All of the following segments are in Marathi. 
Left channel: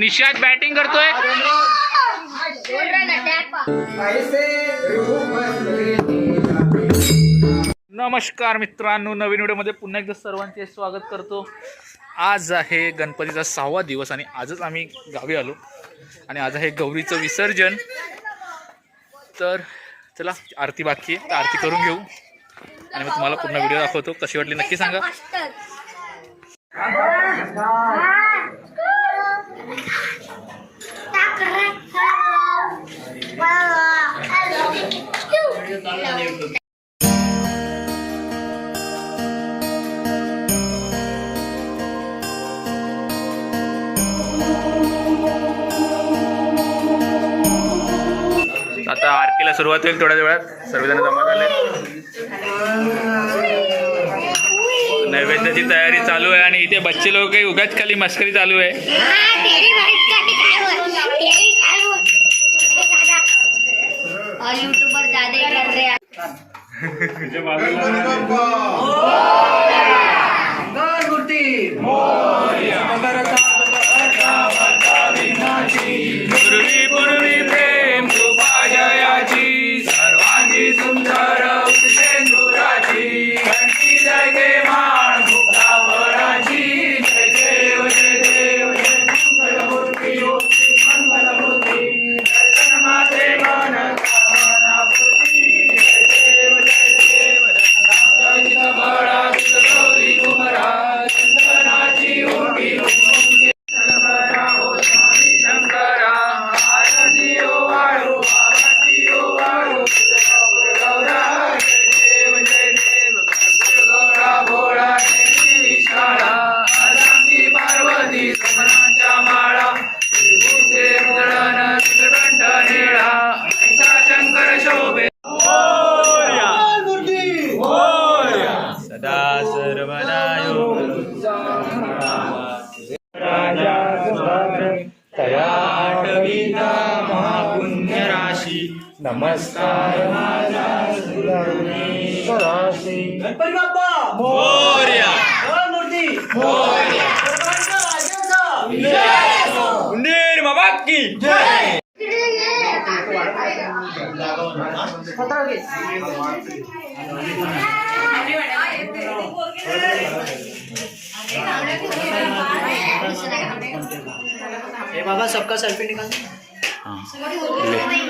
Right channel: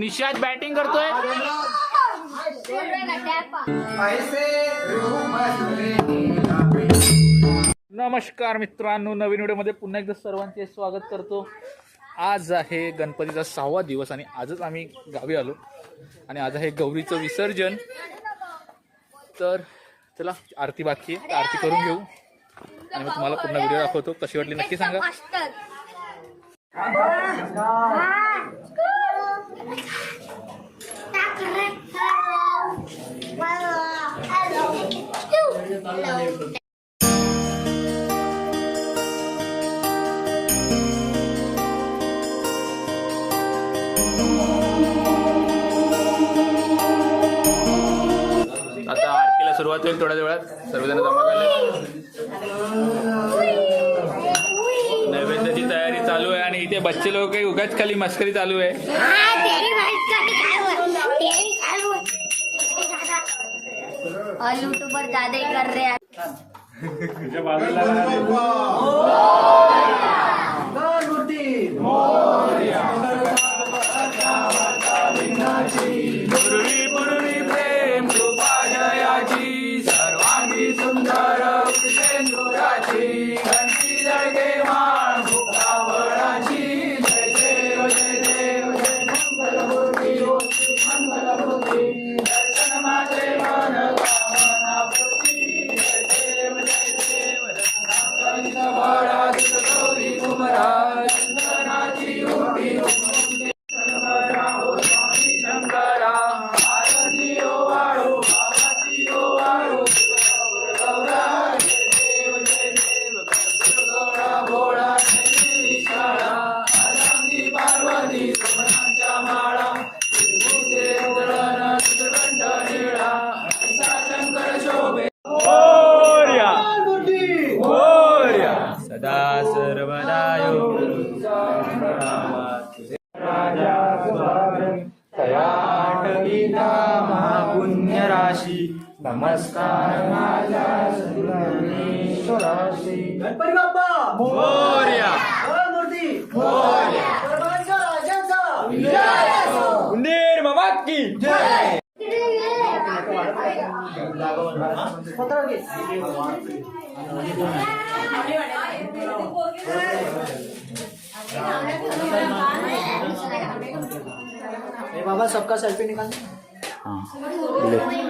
निशाद बॅटिंग करतोय. नमस्कार मित्रांनो नवीन व्हिडिओमध्ये पुन्हा एकदा सर्वांचे स्वागत करतो. आज आहे गणपतीचा सहावा दिवस आणि आजच आम्ही गावी आलो. आणि आज आहे गौरीचं विसर्जन. तर चला आरती बाकी आहे तर आरती करून घेऊ. आणि मग तुम्हाला पूर्ण व्हिडिओ दाखवतो. कशी वाटली नक्की सांगा. आता आरतीला सुरुवात होईल थोड्या वेळात. सर्वजण जमा झाले. नैवेद्याची तयारी चालू आहे आणि इथे बच्चे लोक काही उगाच खाली मस्करी चालू आहे. और यूट्यूबर ज्यादा ही कर रहे हैं। बाबा सबका सेल्फी निकाल दादा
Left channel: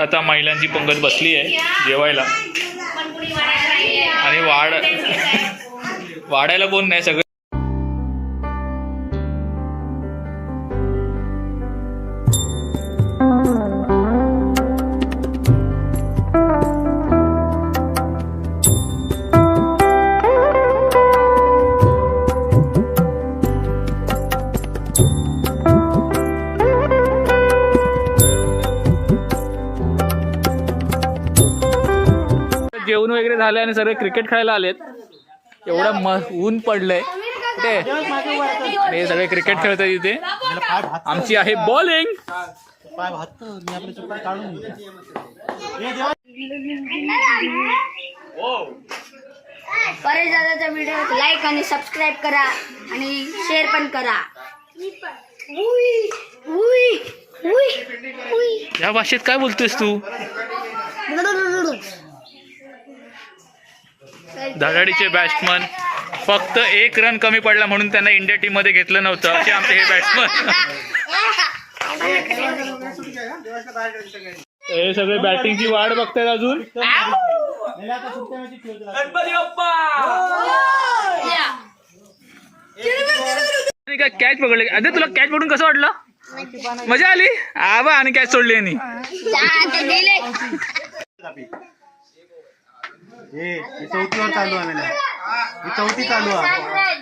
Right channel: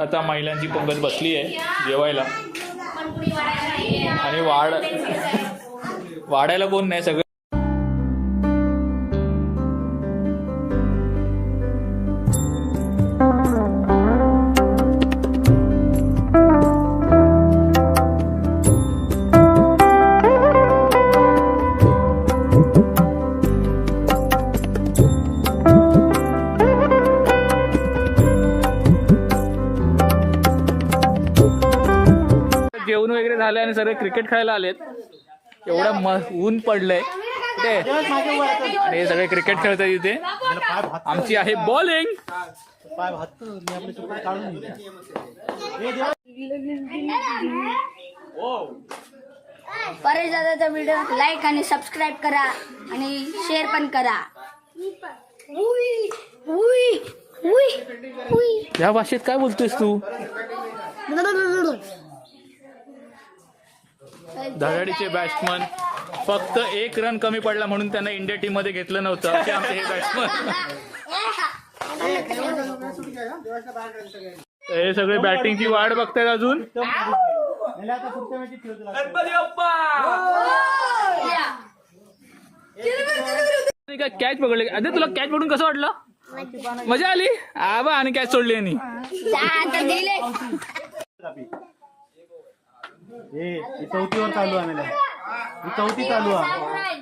आता महिलांची पंगत बसली आहे जेवायला. आणि वाढ वाढायला कोण नाही सगळं. झालं आणि सर्व क्रिकेट खेळायला आलेत. एवढं म ऊन पडलंय. कुठे? आणि हे सगळे क्रिकेट खेळतात इथे. आमची आहे बॉलिंग परेश दादाचा व्हिडिओ लाईक आणि सबस्क्राईब करा आणि शेअर पण करा. उई, उई, उई, उई. या भाषेत काय बोलतोयस तू? धडाडीचे बॅट्समन फक्त एक रन कमी पडला म्हणून त्यांना इंडिया टीममध्ये घेतलं नव्हतं. असे आमचे हे बॅट्समन हे सगळे बॅटिंगची वाट बघतायत अजून. काय कॅच पकडले? अरे तुला कॅच पकडून कसं वाटलं? मजा आली? आबा आणि कॅच सोडली यांनी. हे ही चौथीवर चालू आहे मला ही चौथी चालू आहे.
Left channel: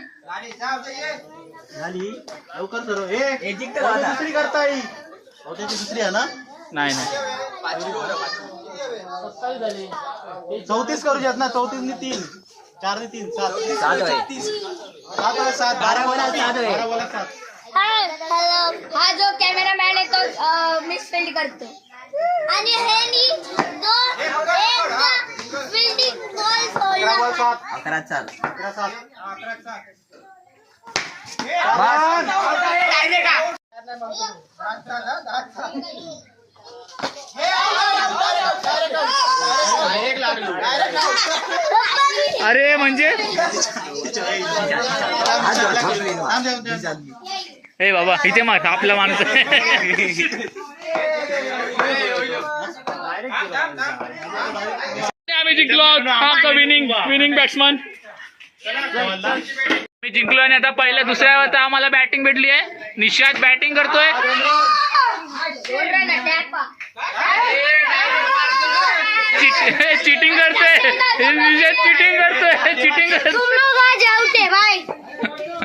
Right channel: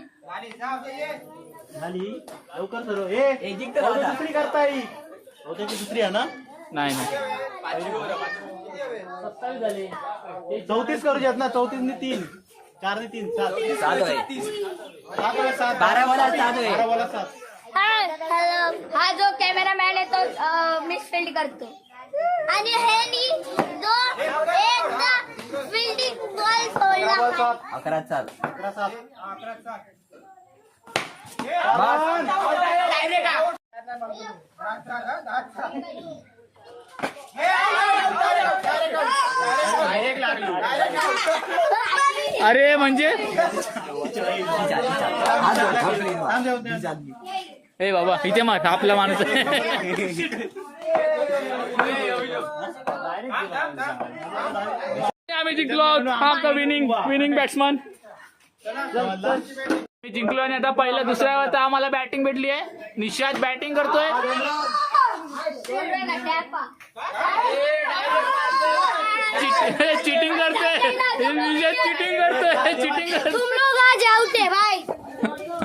झाली. लवकर हे दुसरी करता येईल चौथ्याची दुसरी आहे ना? नाही नाही. चौतीस करू शकत ना? चौतीस नि तीन. चार नि तीन. सात. सात वाला सात. बारा वाला सात. बारा वाला सात. हॅलो हा जो कॅमेरामॅन आहे तो मिस फील्ड करतो. आणि हे नी जो एकदा फील्डिंग बॉल सोडला अकरा अरे म्हणजे? ए बाबा इथे मार आपला माणूस. आहे आम्ही जिंकलो हा आमचा विनिंग विनिंग बॅट्समन मी जिंकलो आणि आता पहिल्या दुसऱ्या आता आम्हाला बॅटिंग भेटली आहे. निशाद बॅटिंग करतोय. चिटिंग करतोय. निशाद चिटिंग करतोय. चिटिंग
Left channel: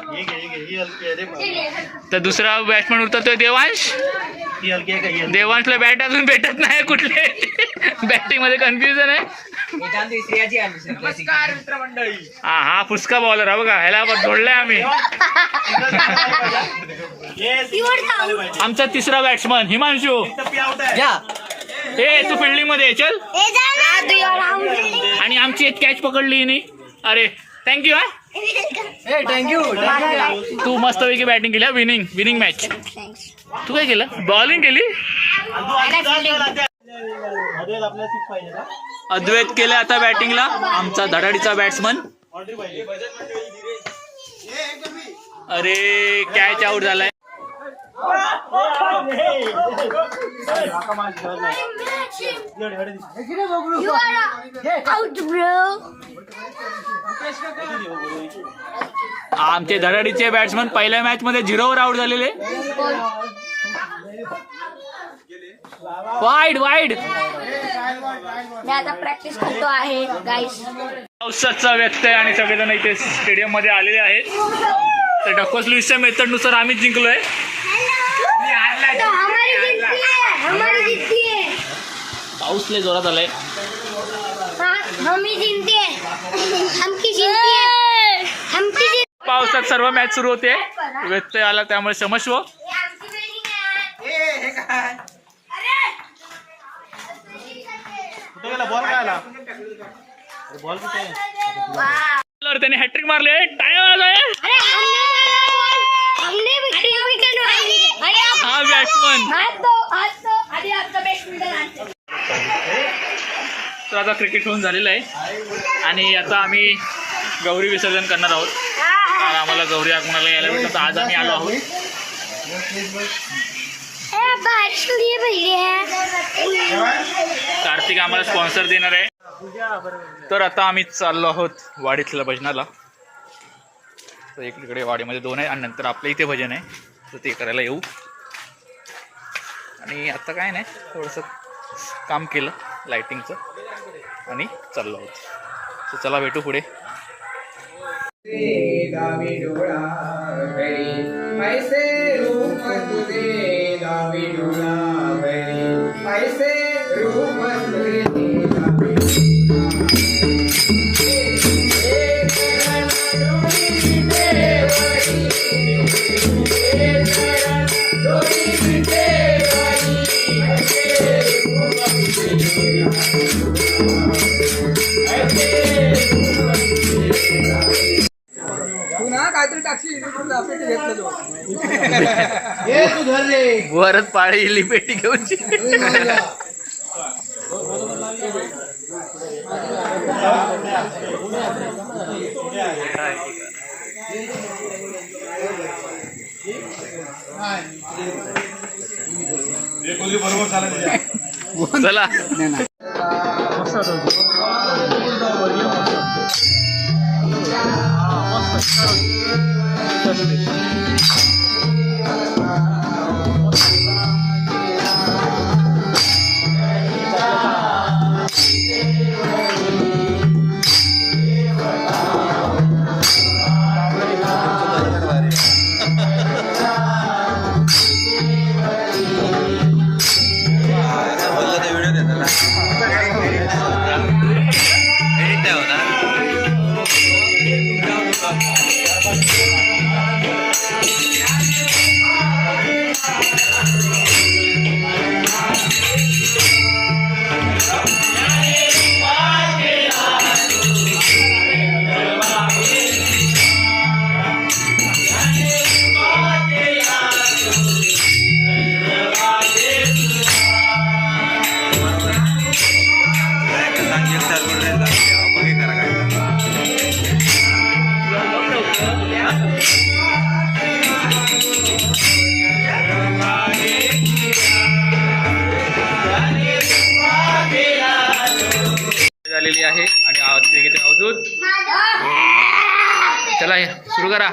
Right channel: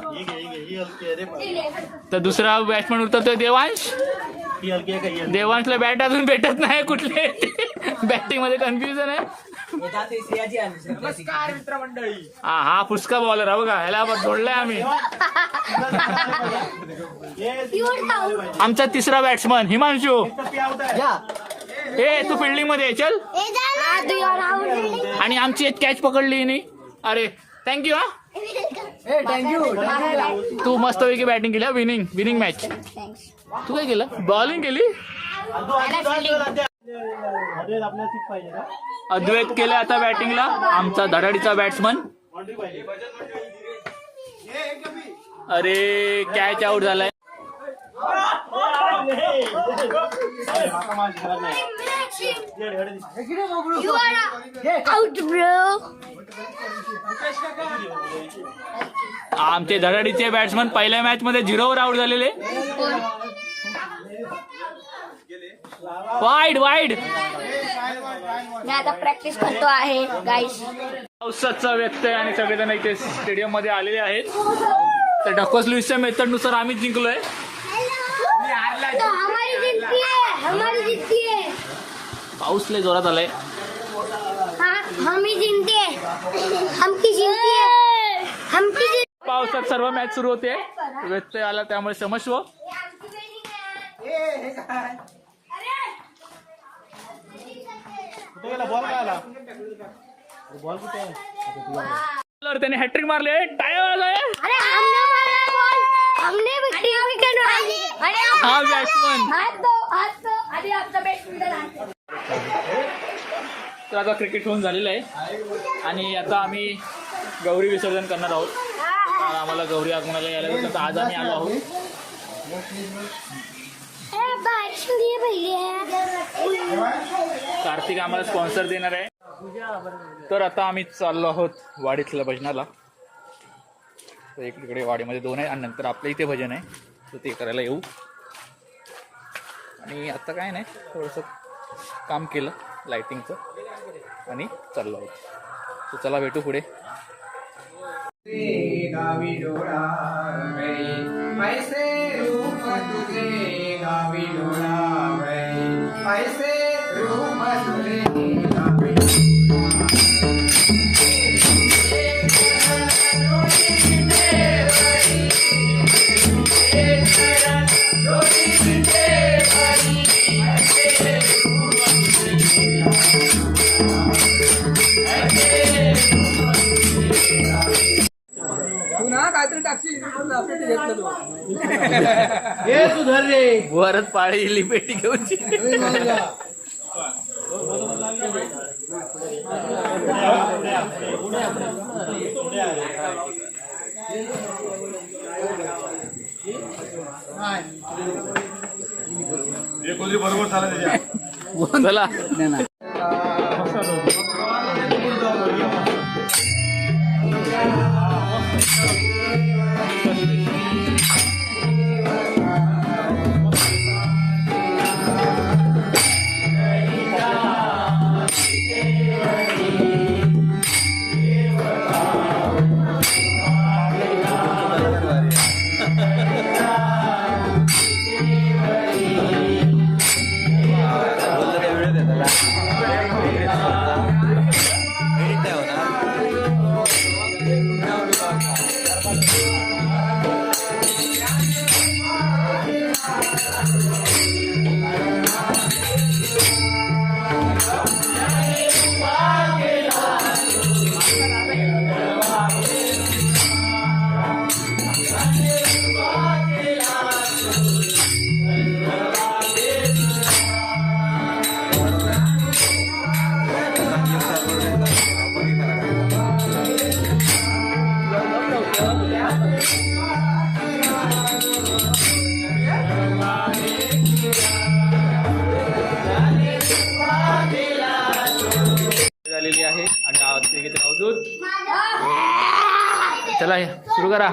है ही ही ही बाबा. तर दुसरा बॅट्समन उतरतोय देवांश? देवांशला बॅट अजून भेटत नाही कुठले. बॅटिंगमध्ये कन्फ्युजन आहे. हा हा फुसका बॉलर हा बघा ह्याला आपण जोडलाय आम्ही. आमचा तिसरा बॅट्समन हिमांशू. आहे. ए तू फिल्डिंगमध्ये ये, चल. ना. आणि आमची एक कॅच पकडली हिने. अरे थँक्यू हा. तू मस्तपैकी बॅटिंग केली विनिंग विनिंग मॅच तू काय केलं? बॉलिंग केली? अद्वैत आपल्याला केलं आता बॅटिंगला. आमचा धडाडीचा बॅट्समन अरे कॅच आउट झालाय. आमचे धडाडीचे बॅट्समन पहिल्या मॅच मध्ये झिरोवर आउट झालेले. Wide wide. मी आता प्रॅक्टिस करतो आहे गाईस पावसाचा व्यत्यय आणि सगळेजण इथे स्टेडियममध्ये आलेले आहेत. तर डकॉस लुईसच्या मेथडनुसार आम्ही जिंकलोय. तो हमारी जीतती है हमारी जीतती है. पाऊस लय जोरात आलाय. पावसात सर्व मॅच सुरू होते. व्यत्यय आला त्यामुळे क्षमस्व गेला? बॉल काय आला? बॉल कुठे आहे? तर त्याने हॅट्रिक मारले आप हा बॅट्समन तर आता क्रिकेट होऊन झालेलं आहे. आणि आता आम्ही गौरी विसर्जन करणार आहोत. कारण आम्हाला गौरी आगमनाला यायला भेटलं तर आज आम्ही आलो आहोत. बारिश के लिए भैया कार्तिक आम्हाला स्पॉन्सर देणार आहे. तर आता आम्ही चाललो आहोत वाडीतल्या भजनाला. तर एक इकडे वाडीमध्ये दोन आहे आणि नंतर आपल्या इथे भजन आहे. तर ते करायला येऊ. आणि आता काय नाही थोडंसं काम केलं लाईटिंगचं आणि चाललो आहोत. तर चला भेटू पुढे. गावी डोळा रे. ऐसे काहीतरी टाकशील वरच पाळी लिपेटी घेऊन बरोबर चालत त्याच्या चला. मोठं झालेली चला सुरू करा.